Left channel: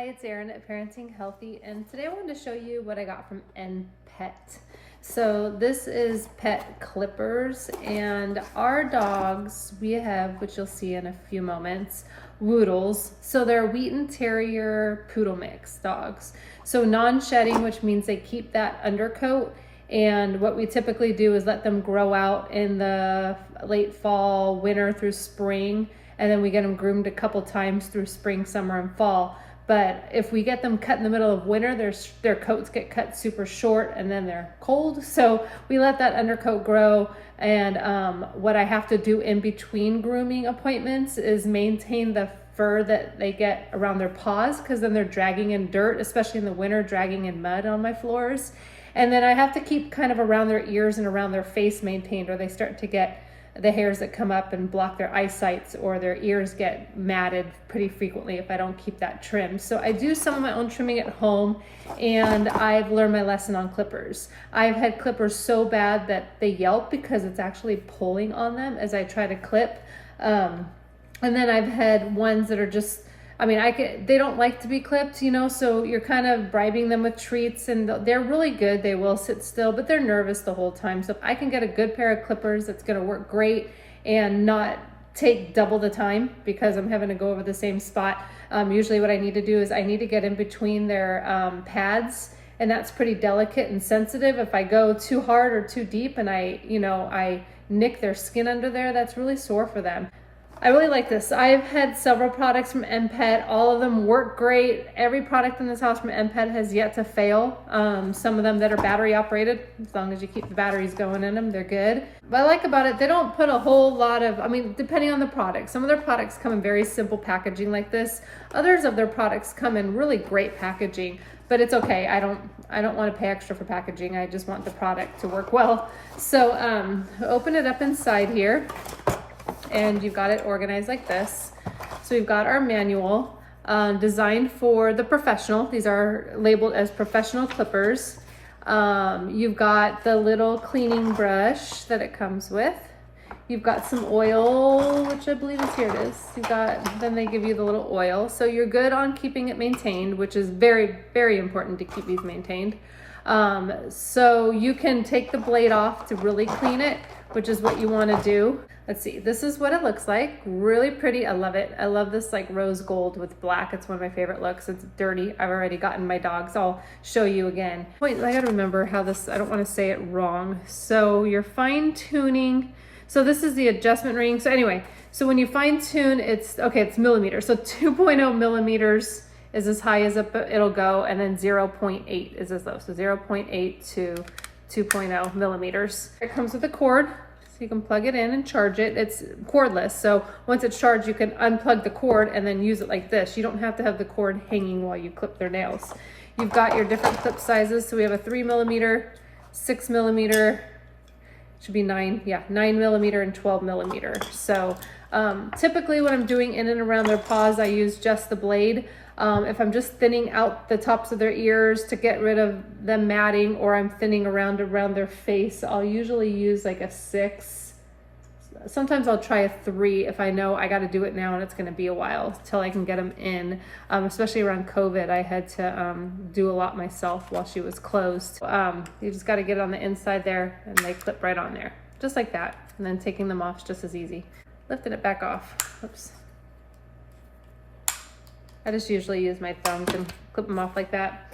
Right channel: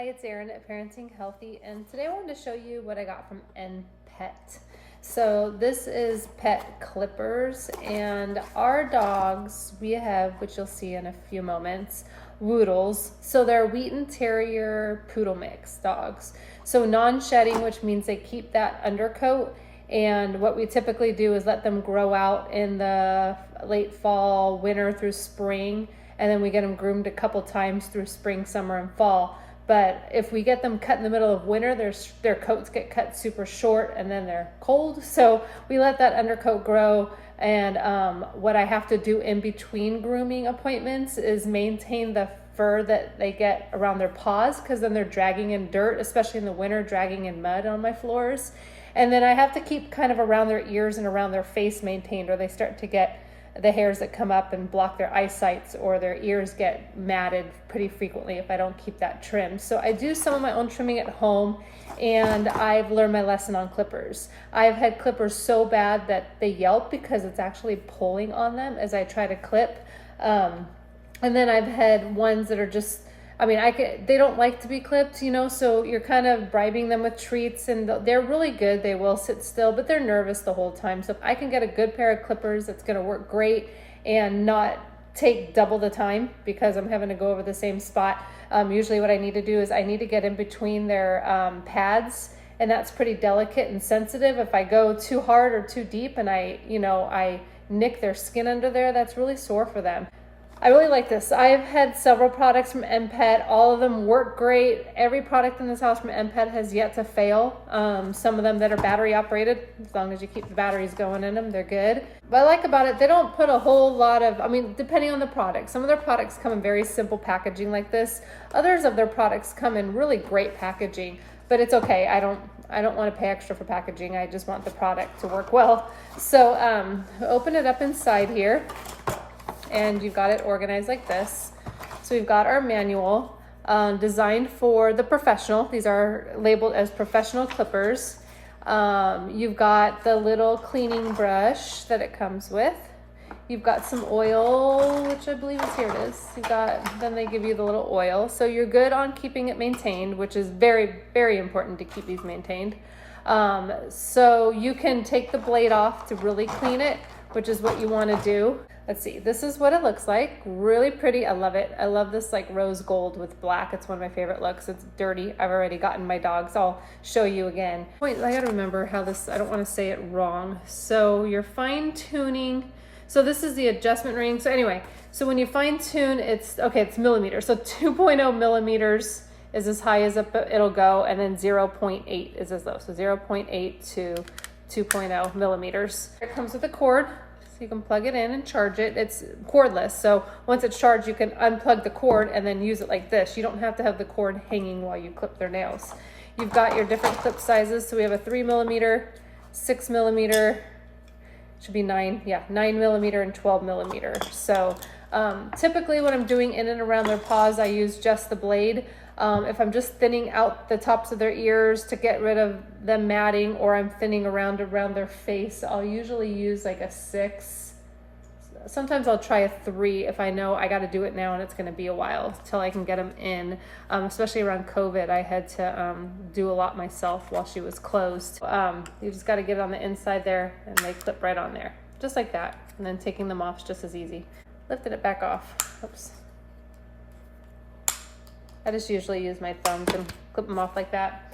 Hi, it's Erin at Parenting Healthy, and today I wanted to show you what I got from NPET. So this is pet clippers, and our dogs, we have, which you'll see in a few moments, Woodles. So they're Wheaten Terrier Poodle mix dogs. So non-shedding, which means they keep that undercoat. And what we typically do is let them grow out in the late fall, winter through spring, and then we get them groomed a couple times through spring, summer, and fall. But if we get them cut in the middle of winter, their coats get cut super short and then they're cold. So we let that undercoat grow. And what I have to do in between grooming appointments is maintain the fur that they get around their paws, because then they're dragging in dirt, especially in the winter, dragging in mud on my floors. And then I have to keep kind of around their ears and around their face maintained, or they start to get the hairs that come up and block their eyesight, or their ears get matted pretty frequently if I don't keep that trimmed. So I do some of my own trimming at home, and I've learned my lesson on clippers. I've had clippers so bad that they yelp because it's actually pulling on them as I try to clip. And then I've had ones that are just, they don't like to be clipped, you know, so you're kind of bribing them with treats, and they're really good. They will sit still, but they're nervous the whole time. So if I can get a good pair of clippers that's going to work great and not take double the time because I'm having to go over the same spot, usually what I need to do is I need to get in between their pads, and that's pretty delicate and sensitive. If I go too hard or too deep and I nick their skin under there, that's really sore for them. I really like this. I've had several products from NPET. All of them work great. Every product in this house from NPET has yet to fail. Some of them that are battery operated, as long as you keep the batteries going in them, they're good. What I like about it, they don't put a whole lot of, depending on the product. Some of their products come in very simple packaging like this. Others of their products come in really great packaging, but it's okay. I don't want to pay extra for packaging. I just want the product to work well. So open it up inside here, and you've got it organized like this. So we've got our manual designed for the professional. These are labeled as professional clippers. You've got the little cleaning brush that it comes with. You've got some oil, which I believe is, here it is. Then they give you the little oil. So you're good on keeping it maintained, which is very, very important to keep these maintained. So you can take the blade off to really clean it, which is what you want to do. Let's see, this is what it looks like. Really pretty. I love it. I love this like rose gold with black. It's one of my favorite looks. It's dirty. I've already gotten my dogs. I'll show you again. Wait, I gotta remember how this, I don't want to say it wrong. So you're fine tuning. So this is the adjustment ring. So anyway, so when you fine tune, it's millimeters. So 2.0 millimeters is as high as it'll go, and then 0.8 is as low. So 0.8 to 2.0 millimeters. It comes with a cord. You can plug it in and charge it. It's cordless, so once it's charged, you can unplug the cord and then use it like this. You don't have to have the cord hanging while you clip their nails. You've got your different clip sizes. So we have a 3 millimeter, 6 millimeter, should be 9 millimeter, and 12 millimeter. So typically when I'm doing in and around their paws, I use just the blade. If I'm just thinning out the tops of their ears to get rid of the matting, or I'm thinning around their face, I'll usually use like a 6. Sometimes I'll try a 3 if I know I got to do it now and it's going to be a while till I can get them in. Especially around COVID, I had to do a lot myself while she was closed. You just got to get it on the inside there, and they clip right on there, just like that. And then taking them off is just as easy. Lifting it back off. Oops. I just usually use my thumbs and clip them off like that.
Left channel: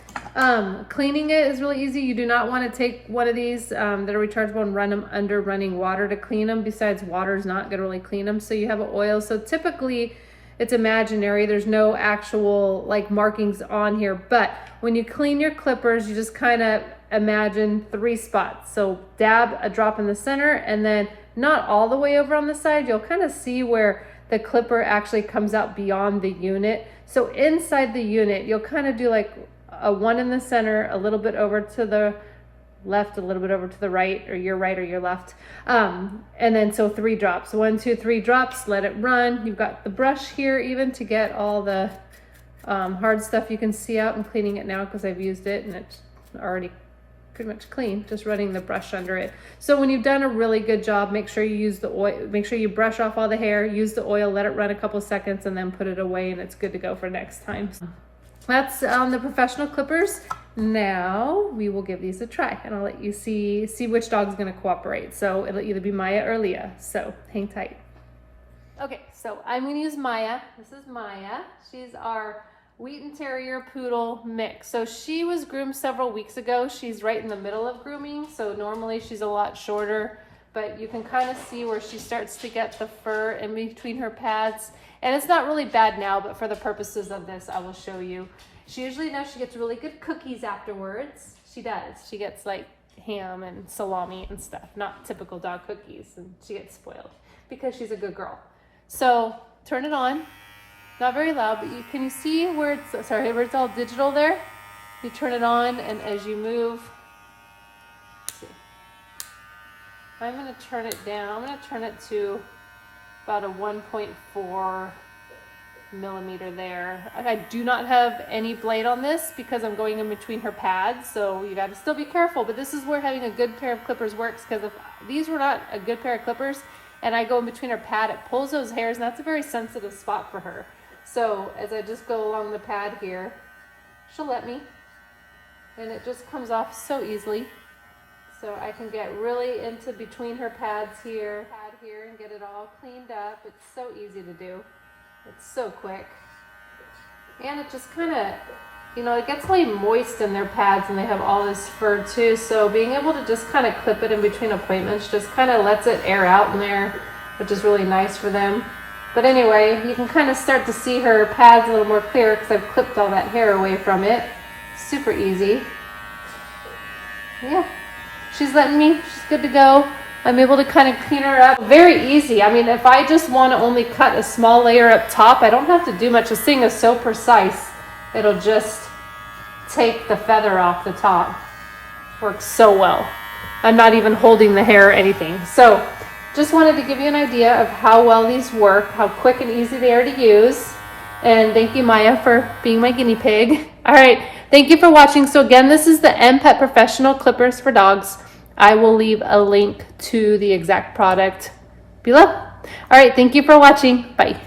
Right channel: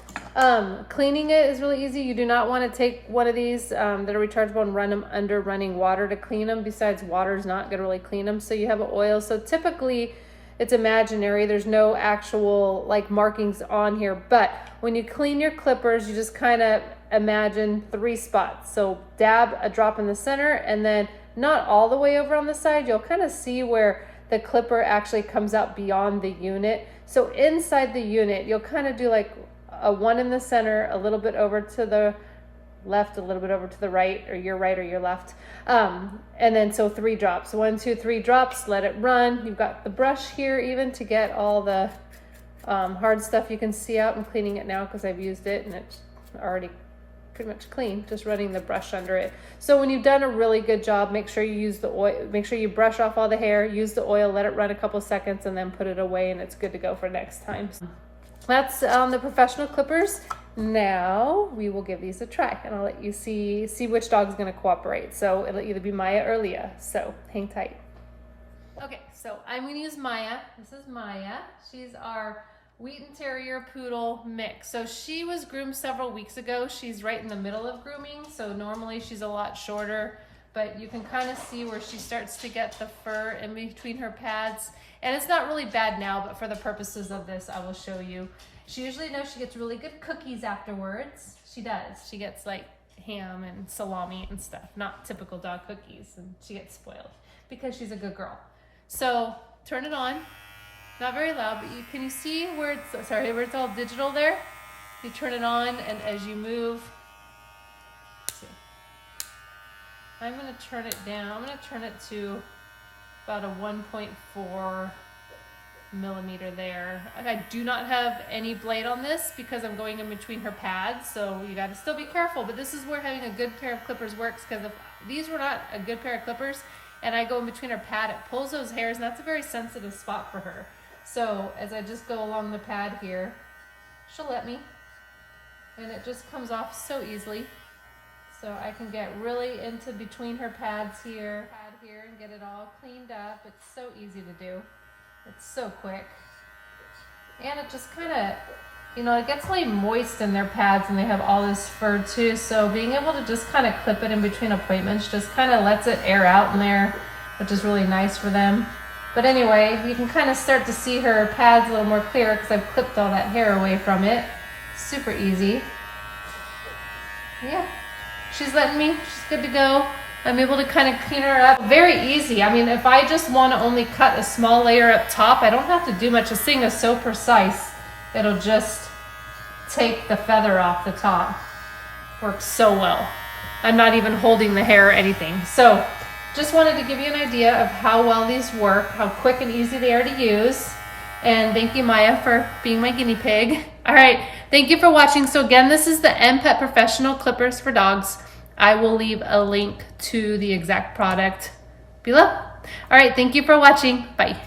Cleaning it is really easy. You do not want to take one of these that are rechargeable and run them under running water to clean them. Besides, water is not going to really clean them. So you have an oil. So typically it's imaginary. There's no actual like markings on here. But when you clean your clippers, you just kind of imagine 3 spots. So dab a drop in the center, and then not all the way over on the side. You'll kind of see where the clipper actually comes out beyond the unit. So inside the unit, you'll kind of do like a 1 in the center, a little bit over to the left, a little bit over to the right, or your right or your left. And then so 3 drops, 1, 2, 3 drops, let it run. You've got the brush here even to get all the hard stuff you can see out. I'm cleaning it now because I've used it and it's already pretty much clean, just running the brush under it. So when you've done a really good job, make sure you use the oil, make sure you brush off all the hair, use the oil, let it run a couple seconds, and then put it away, and it's good to go for next time. That's the professional clippers. Now we will give these a try, and I'll let you see which dog's going to cooperate. So it'll either be Maya or Leah. So hang tight. Okay, so I'm going to use Maya. This is Maya. She's our Wheaten Terrier Poodle mix. So she was groomed several weeks ago. She's right in the middle of grooming. So normally she's a lot shorter, but you can kind of see where she starts to get the fur in between her pads. And it's not really bad now, but for the purposes of this, I will show you. She usually knows she gets really good cookies afterwards. She does. She gets like ham and salami and stuff, not typical dog cookies. And she gets spoiled because she's a good girl. So turn it on. Not very loud, but can you see where where it's all digital there? You turn it on, and as you move, let's see. I'm going to turn it down. I'm going to turn it to about a 1.4 millimeter there. I do not have any blade on this because I'm going in between her pads, so you got to still be careful. But this is where having a good pair of clippers works, because if these were not a good pair of clippers and I go in between her pad, it pulls those hairs, and that's a very sensitive spot for her. So as I just go along the pad here, she'll let me, and it just comes off so easily. So I can get really into between her pads here and get it all cleaned up. It's so easy to do. It's so quick. And it just kind of, it gets really moist in their pads, and they have all this fur too. So being able to just kind of clip it in between appointments just kind of lets it air out in there, which is really nice for them. But anyway, you can kind of start to see her pads a little more clear because I've clipped all that hair away from it. Super easy. Yeah, she's letting me. She's good to go. I'm able to kind of clean her up. Very easy. I mean, if I just want to only cut a small layer up top, I don't have to do much. This thing is so precise. It'll just take the feather off the top. Works so well. I'm not even holding the hair or anything. So just wanted to give you an idea of how well these work, how quick and easy they are to use. And thank you, Maya, for being my guinea pig. All right, thank you for watching. So again, this is the NPET Professional Clippers for Dogs. I will leave a link to the exact product below. All right, thank you for watching. Bye.